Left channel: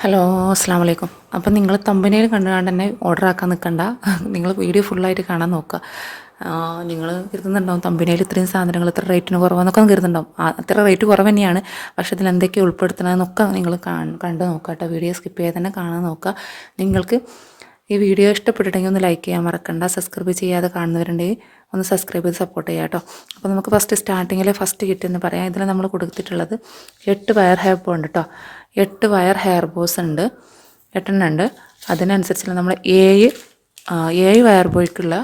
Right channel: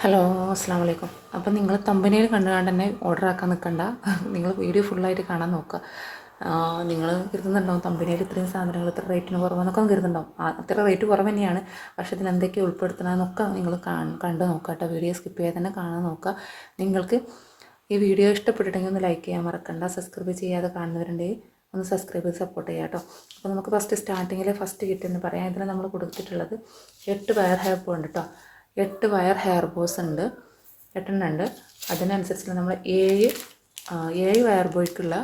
Hello അസ്സാം വലൈക്കും അപ്പം നിങ്ങൾ തമ്പനയിൽ കണ്ടുകൊണ്ട് തന്നെ ഓർഡർ ആക്കാൻ നിൽക്കണ്ട നിങ്ങൾ വീഡിയോ ഫുള്ളായിട്ട് കാണാൻ നോക്കുക നിങ്ങൾ കരുതുന്നുണ്ടാവും തമ്പനയിൽ ഇത്രയും സാധനങ്ങൾ ഇത്ര റേറ്റിന് കുറവെന്നൊക്കെ കരുതുന്നുണ്ടാവും. അത്ര റേറ്റ് കുറവ് തന്നെയാണ്. പക്ഷേ ഇതിൽ എന്തൊക്കെ ഉൾപ്പെടുത്തണമെന്നൊക്കെ നിങ്ങൾ കണ്ടു നോക്കുക കേട്ടോ. വീഡിയോ സ്കിപ്പ് ചെയ്യാതെ തന്നെ കാണാൻ നോക്കുക നിങ്ങൾക്ക് ഈ വീഡിയോ ഇഷ്ടപ്പെട്ടിട്ടുണ്ടെങ്കിൽ ഒന്ന് ലൈക്ക് ചെയ്യാൻ മറക്കണ്ട. സബ്സ്ക്രൈബ് ചെയ്യാതെ കാണുന്നവരുണ്ടെങ്കിൽ ഒന്ന് സബ്സ്ക്രൈബ് ചെയ്ത് സപ്പോർട്ട് ചെയ്യാം കേട്ടോ. അപ്പോൾ നമുക്ക് ഫസ്റ്റ് സ്റ്റാർട്ടിങ്ങിൽ ഫസ്റ്റ് കിറ്റ് എന്ന് പറയാം. ഇതിൽ നമ്മൾ കൊടുത്തിട്ടുള്ളത് എട്ട് വയർ ഹെയർ ബോ ഉണ്ട് കേട്ടോ എട്ട് വയർ ഹെയർ ബോസ് ഉണ്ട്. എട്ടെണ്ണം ഉണ്ട്. അതിനനുസരിച്ചുള്ള നമ്മൾ ഏഴ് ഏഴ് വയർ ബോയ്ക്കുള്ള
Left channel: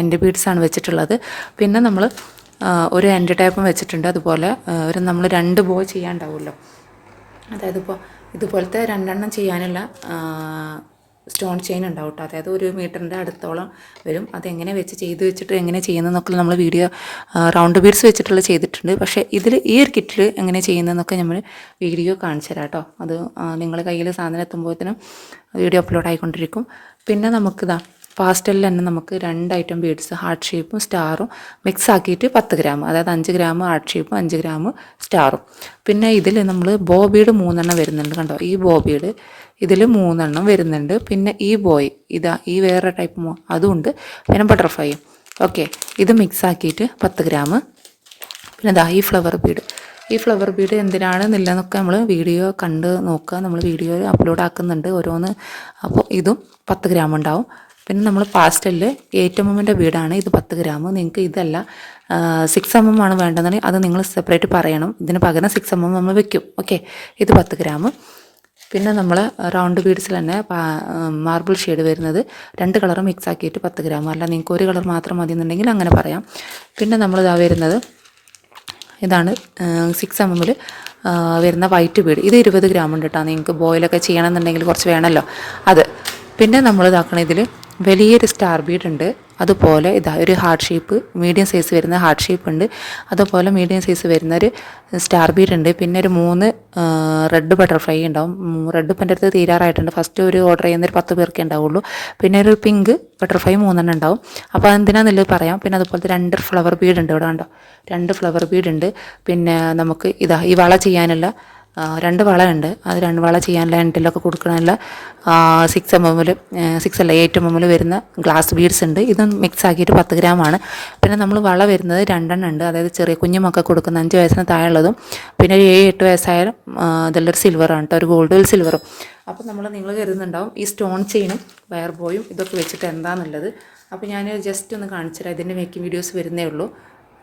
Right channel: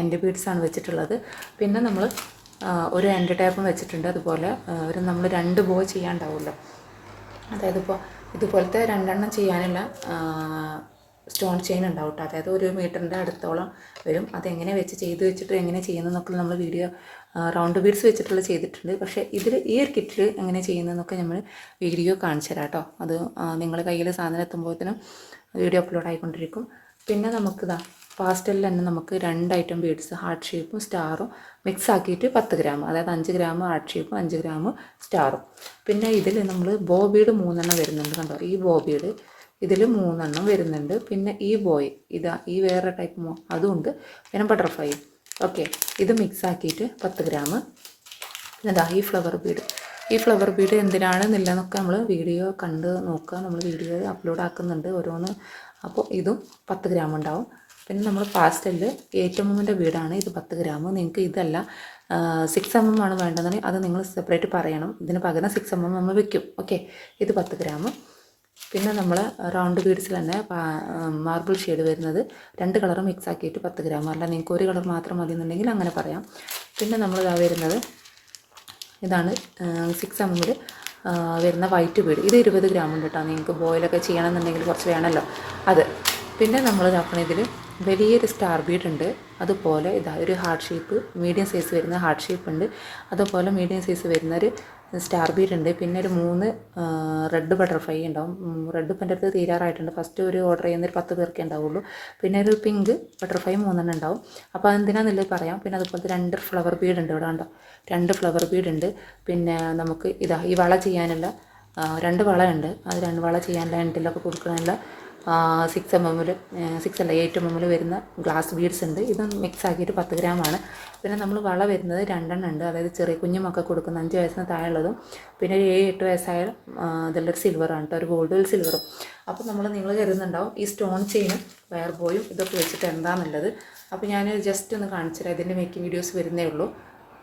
എന്റെ ബീഡ്സാണ് വെച്ചിട്ടുള്ളത്. പിന്നെ നമ്മൾ ഒരു എന്റെ ടൈപ്പും വെച്ചിട്ടുണ്ട്. അതുപോലെ ഒരു നമ്മൾ രണ്ട് ബോ ചെയ്യാണ്ടാവുമല്ലോ അതായത് ഇപ്പോൾ ഇതുപോലത്തെ രണ്ടെണ്ണം ചെയ്യാനുള്ള സ്റ്റോൺ ചെയിൻ ഉണ്ടാവും കേട്ടോ. അതായത് ഒരു മീറ്ററിന്റെ അടുത്തോളം വരും. അതെങ്ങനെ വെച്ച് ചെയ്ത് വെച്ചിട്ട് എങ്ങനെ ചെയ്യുന്നതെന്നൊക്കെ നമ്മൾ വീഡിയോ റൗണ്ട് ബീഡ്സ് വെച്ചിട്ടുള്ള ചെയ്തിട്ടുണ്ട്. പക്ഷേ ഇതിൽ ഈ ഒരു കിറ്റിൽ എങ്ങനെ ചെയ്യുന്നതെന്നൊക്കെ നമ്മൾ വീഡിയോ കാണിച്ചു തരാം കേട്ടോ. അത് നിങ്ങളുടെ കയ്യിൽ സാധനം എത്തുമ്പോഴത്തേനും വീഡിയോ അപ്ലോഡ് ആയിക്കൊണ്ടിരിക്കും. പിന്നെ നമുക്കിതാ പാസ്റ്റലിൽ തന്നെ നമുക്ക് രണ്ട് ഐറ്റം ബീഡ്സ് ഹാർട്ട് ഷേപ്പും സ്റ്റാറും മിക്സ് ആക്കിയിട്ട് പത്ത് ഗ്രാം അതായത് അഞ്ച് ഗ്രാം ഹാർട്ട് ഷേപ്പും അഞ്ച് ഗ്രാം സ്റ്റാറും. പിന്നെ ഇതിൽ നമ്മൾ ബോബീഡ് മൂന്നെണ്ണം വരുന്നുണ്ട് കണ്ടോ? ഈ ബോബീഡ് ഇതിൽ മൂന്നെണ്ണം വരുന്നുണ്ട്. പിന്നെ ഈ ബോയ് ഇതാ ഈ വേറെ ടൈപ്പ് അതുകൊണ്ട് പിന്നെ ബട്ടർഫ്ലൈയും ഓക്കെ ഇത് മിക്സ് ആക്കിയിട്ട് പത്ത് ഗ്രാം. പിന്നെ ദാ ഈ ഫ്ലവർ ബീഡ് ഈ ഫ്ലവർ ബീഡ് എന്തിനാണ് നില്ലെന്നൊക്കെ നമ്മൾ വീഡിയോ കണ്ട് നോക്കുക. നമ്മൾ വീഡിയോ അപ്ലോഡ് ആക്കുന്നുണ്ട് ഓരോന്ന്. അപ്പോൾ ഇതും പത്ത് ഗ്രാം ഉണ്ടാവും. പിന്നെ നമ്മൾ പാസ്റ്റലിൽ എയ്റ്റ് എം എമ്മിന്റെ ബീഡാണ് ഇത് പത്ത് ഗ്രാം നിങ്ങൾക്ക് ഇതല്ല സിക്സ് എം എം ആണ് വേണ്ടതെന്നുണ്ടെങ്കിൽ അത് നിങ്ങൾ സെപ്പറേറ്റ് പറയണം. ഇതിന് പകരം സിക്സ് എം എം നമ്മൾ വെക്കും. ഓക്കെ ഇത് പത്ത് ഗ്രാം പിന്നെ നമ്മൾ റൗണ്ട് ബീഡ്സിൽ തന്നെ മാർബിൾ ഷെയ്ഡ് വരുന്നത് രണ്ട് കളർ മിക്സ് ആക്കിയിട്ട് പത്ത് ഗ്രാം അല്ല നിങ്ങൾക്ക് ഒരു കളർ മാത്രം മതി എന്നുണ്ടെങ്കിൽ അങ്ങനെ പറയാം. പിന്നെ നമ്മൾ ഇതാ വരുന്നത് ഇതാണ് സിക്സ് എം എമ്മിൽ വരുന്ന വൈറ്റ് ബീഡ് ഇത് ഇരുപത് ഗ്രാം ഉണ്ട് കേട്ടോ നിങ്ങൾക്ക് ബോയിലൊക്കെ ചെയ്യണമെന്നുണ്ടെങ്കിൽ കുറച്ച് വേണമല്ലോ അത്. പിന്നെ നമ്മൾ ഇതാക്കണം ഇതിൽ വലിയൊരു സ്റ്റാർ ബീഡ് ഉണ്ട്. അതുപോലെ ഇതാ ഒരു ഹാർട്ട് ഷേപ്പ് മീഡിയം സൈസ് വരുന്ന ഹാർട്ട് ഷേപ്പ് ഉണ്ട്. അതുപോലെ മീഡിയം സൈസ് വരുന്ന ഒരു സ്റ്റാർ ബീഡ് ഉണ്ട്. പിന്നെ ഒരു മൂന്ന് റെഡ് ബട്ടർഫ്ലൈ ഉണ്ടാവും. റെഡ് ഇപ്പം അടുത്ത് തീരാറായിട്ടുണ്ട്. ഫസ്റ്റ് ഒരു ഓർഡർ ചെയ്യുന്ന ഒരു പത്ത് പേർക്കേ ഉണ്ടാവുള്ളൂ. പിന്നെ ഒരു പിങ്ക് ബട്ടർഫ്ലൈ മൂന്നെണ്ണം ഉണ്ടാവും. അപ്പോൾ അതെന്തിനാന്നുള്ളത് പറയാം. പിന്നെ അതുപോലത്തെ രണ്ട് ഫ്ലവർ ബീഡ് ഉണ്ട് ഇവിടെ കണ്ടോ. രണ്ട് ഫ്ലവർ ബീഡ് ഉണ്ട്. പിന്നെ നമുക്ക് ഇതാ ഈ വള ചെയ്യാനുള്ള രണ്ട് വള ഉണ്ട്. അത് രണ്ട് വള ചെയ്യാൻ എൻഡിലൊക്കെ കൊടുക്കണമല്ല സിക്സ് എം എമ്മിൽ സിക്സ് അല്ല എയ്റ്റ് എം എമ്മിൽ വരുന്ന ഗ്ലാസ് ബീഡ്സ് ഉണ്ട്. ഇത് മിക്സ് ആക്കിയിട്ട് പത്ത് ഗ്രാമാണ് പിന്നെ നമ്മൾ വള വരുന്നത് രണ്ടെണ്ണം ഉണ്ട്. അതായത് ചെറിയ കുഞ്ഞുമൊക്കെ കൊടുക്കുന്ന അഞ്ച് വയസ്സിന് താഴെയുള്ളതും പിന്നെ ഒരു ഏഴ് എട്ട് വയസ്സായാലും ഇതെല്ലാം സിൽവറാണ് കേട്ടോ ഒരു ഗോൾഡ് ഒരു സിൽവറും അപ്പോൾ നമ്മൾ നിങ്ങൾ കരുതുന്നുണ്ടാവും ഈ സ്റ്റോൺ ചെയിനും വയർ ബോയും ഇതൊക്കെ വെച്ചിട്ട് എന്താണെന്നുള്ളത് അപ്പോൾ ഞാൻ ജസ്റ്റ് ഒന്ന് കാണിച്ചു തരാം ഇതിന്റെ മേക്കിംഗ് വീഡിയോസ് വരുന്നേ ഉള്ളൂ.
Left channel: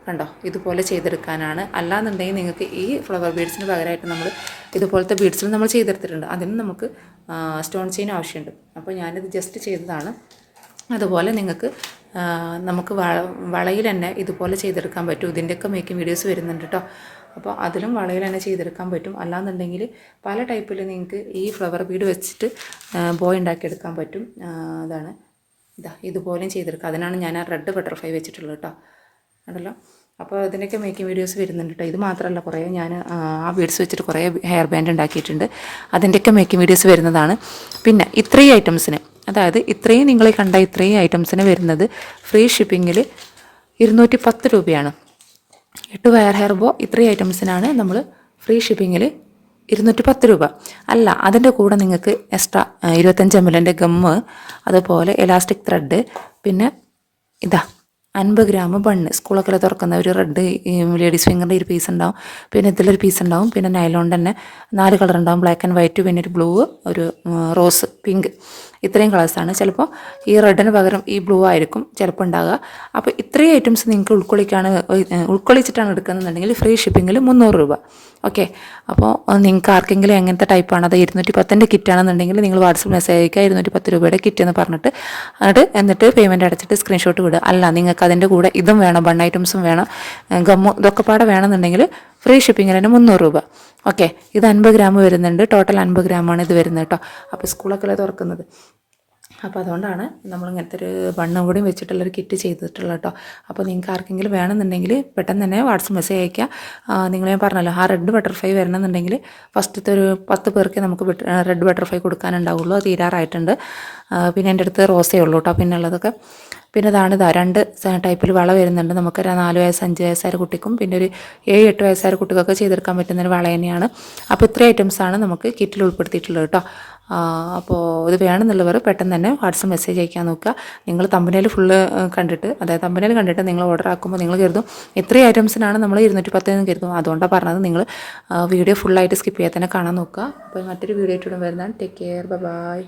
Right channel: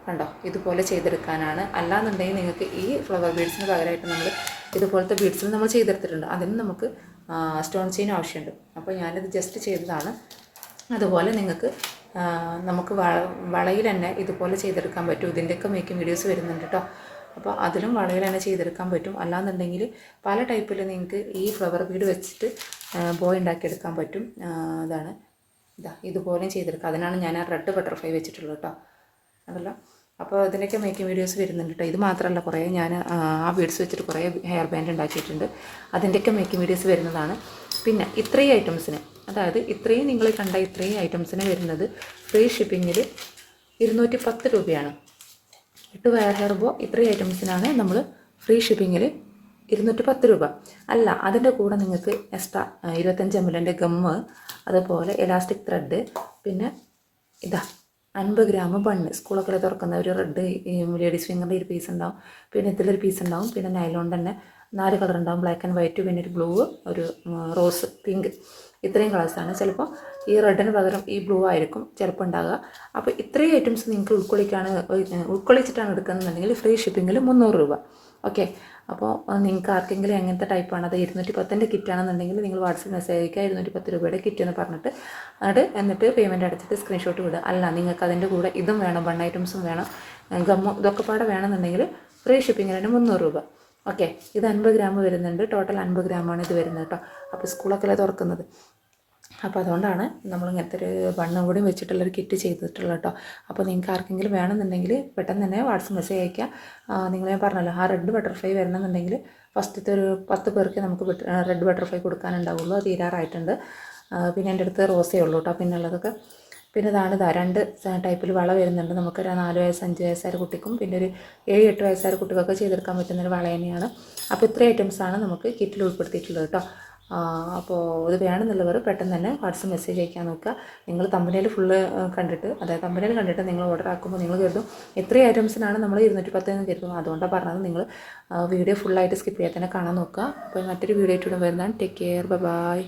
കണ്ടോ? ഇതുപോലെ ചെയ്തെടുക്കാനാണ്. അല്ലാന്നുണ്ടെങ്കിൽ നിങ്ങൾക്ക് ഈ ഫ്ലവർ ബീഡ്സിന് പകരമായിട്ട് നമ്മൾ ഇതുപോലത്തെ ബീഡ്സിൽ നമ്മൾ ചെയ്തെടുത്തിട്ടുണ്ട്. അതിന് നമുക്ക് സ്റ്റോൺ ചെയിൻ ആവശ്യമുണ്ട്. അപ്പോൾ ഞാനിത് ജസ്റ്റ് ചെയ്തതാണ്. അതുപോലെ നിങ്ങൾക്ക് നമുക്ക് വള വളയിൽ തന്നെ ഇതുപോലെ ചെയ്തെടുക്കാൻ പറ്റും. ഇതിന്റെയൊക്കെ മേക്കിംഗ് വീഡിയോസ് വരുന്നുണ്ട് കേട്ടോ അപ്പോൾ അതിലും വളയിൽ തന്നെ ചെയ്തെടുക്കാൻ പറ്റും. അല്ലാന്നുണ്ടെങ്കിൽ പല ടൈപ്പിൽ നിങ്ങൾക്ക് ഈ ഫ്ലവർ ബീഡ് വെച്ചിട്ട് ബോയ് ഉണ്ടാക്കിയെടുക്കാൻ പറ്റും. അതാണ്. ഇതാ ഇതുപോലെയും ചെയ്തെടുക്കാം. അതിനാണ് ഞാൻ ആ റെഡ് ബട്ടർഫ്ലൈ വെച്ചിട്ടുള്ളത് കേട്ടോ ഉണ്ടല്ലോ അപ്പോൾ ഇതിന്റെയൊക്കെ മേക്കിംഗ് വീഡിയോസ് വരുന്നുണ്ട് കേട്ടോ ഇത് മാത്രമല്ല കുറേ ഞാൻ ആ ബീഡ്സ് വെച്ചിട്ട് കുറേ ഹെയർ ബാൻഡ് ഉണ്ടാക്കിയിട്ടുണ്ട്. അതിന്റെയൊക്കെ മേക്കിംഗ് വീഡിയോസ് വരുന്നതാണ്. പിന്നെ ഇത്രയും ഐറ്റംസിന് അതായത് ഇത്രയും നിങ്ങളെ കണ്ട ഇത്രയും ഐറ്റംസിന് വരുന്നത് ഫ്രീ ഷിപ്പിങ്ങിൽ ഇരുന്നൂറ്റി പത്ത് രൂപയാണ്. എട്ട് വയർ ഹെയർ ബോ ഇത്രയും ഐറ്റംസിനാണ് നമ്മൾ ഫ്രീ ഷിപ്പിങ്ങിൽ ഇരുന്നൂറ്റി പത്ത് രൂപ. അല്ല അതിന്റെ കൂടെ നിങ്ങൾക്ക് എക്സ്ട്രാ ഇരുപത്തഞ്ച് എം എല്ലിന്റെ ഗമ്മ് അതുപോലെ എലാസ്റ്റിക് ത്രെഡ് പിന്നെ ഇതാ അൻപത് ഗ്രാം ബണ്ണ്. സ്കൂളൊക്കെ തുറക്കുന്ന ഒരു റെഡ് ലേഡീസ് ഫിംഗറിന്റെ ഒരു പീസ് ഉണ്ടാവും. പിന്നെ ഇതിലൊരു പീസ് ഉണ്ടാവും. പിന്നെ നൈലോൺ തന്നെ. നാല് കളർ ഉണ്ടാവും. ബ്ലാക്ക് ആൻഡ് വൈറ്റ് പിന്നെ ഒരു ബ്ലൂ ഒരു റോസ് പിങ്ക് ഇത്രയും കളേഴ്സാണ് ചിലപ്പോൾ ഈ റെഡിന് പകരം ഈ ബ്ലൂ ആയിരിക്കും ചിലപ്പോൾ ഉണ്ടാകുക അപ്പോൾ ഇത്രയും ഐറ്റംസ് നിങ്ങൾക്ക് ഉൾക്കൊള്ളിക്കാണ് ഉൾക്കൊള്ളിച്ചിട്ടാണ് എടുക്കുന്നതെന്നുണ്ടെങ്കിൽ ഫ്രീ ഷിപ്പിങ്ങിൽ മുന്നൂറ് രൂപ. ഓക്കെ അപ്പോൾ നിങ്ങൾക്ക് ആർക്കെങ്കിലും എങ്ങനത്തെ ടൈപ്പാണ് അത് ഇരുന്നൂറ്റി പത്തിന്റെ കിറ്റാണെന്നുണ്ടെങ്കിൽ നിങ്ങൾ വാട്സപ്പ് മെസ്സേജ് അയക്കുക. ഇരുന്നൂറ്റി പത്ത് രൂപയുടെ കിറ്റ് എന്ന് പറഞ്ഞിട്ട് എന്നിട്ട് പേയ്മെന്റ് അടച്ചിട്ട് സ്ക്രീൻഷോട്ട് വിടുക. അല്ല നിങ്ങൾക്ക് അതിന്റെ കൂടെ ഇതും വേണം ബൺ ഐറ്റംസും വേണം. ഗമ്മു ഇതൊക്കെ പാടെ വേണമെന്നുണ്ടെങ്കിൽ ഫ്രീ ഷിപ്പിങ്ങിന് തന്നെ മുന്നൂറ് രൂപ. ഓക്കെ ഇത് അൻപത് ഗ്രാം വരുന്നുണ്ട്. ടോട്ടൽ അൻപത് ഗ്രാമാണ് ഇത് വരുന്നത് കേട്ടോ. അപ്പോൾ സ്കൂളൊക്കെ തുറക്കുന്നത്? അപ്പോൾ അതുകൊണ്ടാണ് നമ്മൾ ഇങ്ങനത്തെ ഒരു ബണ്ണും കൂടി വെച്ചിട്ടുള്ളൊരു കിറ്റ് ചെയ്തിട്ടുള്ളത് കേട്ടോ. അപ്പോൾ നിങ്ങൾക്ക് ആർക്കെങ്കിലും വേണമെന്നുണ്ടെങ്കിൽ പെട്ടെന്ന് തന്നെ വാട്സപ്പ് മെസ്സേജ് അയക്കുക നിങ്ങൾ ഞാൻ പറഞ്ഞല്ലോ ആ റെഡ് ബട്ടർഫ്ലൈ വരണമെന്നുണ്ടെങ്കിൽ ഫസ്റ്റത്തെ ഒരു പത്ത് പേർക്ക് നമുക്ക് റെഡ് ബട്ടർഫ്ലൈ കൊടുക്കാനുണ്ടാവുള്ളൂ. തീരാറായിട്ടുണ്ട്. പിന്നെ എന്റെ അടുത്ത് റോസേ ഉള്ളൂ കേട്ടോ പിന്നെ ഉള്ളതൊക്കെ. പിന്നെ ഇതാണ് ഇതാ രണ്ട് ടൈപ്പിൽ വള വരുന്നുണ്ട്. നമുക്ക് നാല് വയസ്സ് അഞ്ച് വയസ്സായ കുട്ടിക്കും പിന്നെ ഒരു ഏഴ് എട്ട് വയസ്സായ കുട്ടിക്കൊക്കെ ചെയ്തെടുക്കാൻ പറ്റുന്ന ഒരു വള തന്നെയാണ്. അപ്പോൾ ഇത്രയും ഐറ്റംസാണ് നമുക്ക് കിറ്റിൽ ഉൾപ്പെടുത്തിയിട്ടുള്ളത് കേട്ടോ. അപ്പോൾ ഇത് വേണമെന്നുള്ളവർ പെട്ടെന്ന് തന്നെ വാട്സപ്പ് മെസ്സേജ് അയക്കാൻ നോക്കുക. നിങ്ങൾ തമ്പനയിൽ ഫുള്ള് കണ്ടിട്ട് അതായത് തമ്പനയിൽ കണ്ടിട്ട് നിങ്ങൾ ഓർഡർ ആക്കുമ്പോൾ നിങ്ങൾ കരുതും ഇത്രയും ഐറ്റംസിനാണ് നമ്മൾ ഇരുന്നൂറ്റി പത്ത് എന്ന് കരുതും. അതുകൊണ്ടാണ് പറഞ്ഞത് നിങ്ങൾ വീഡിയോ ഫുള്ളായിട്ട് സ്കിപ്പ് ചെയ്യാൻ തന്നെ കാണാൻ നോക്കുക. അപ്പോൾ മറ്റൊരു വീഡിയോ ആയിട്ട് വരുന്നതാണ്. Take care bye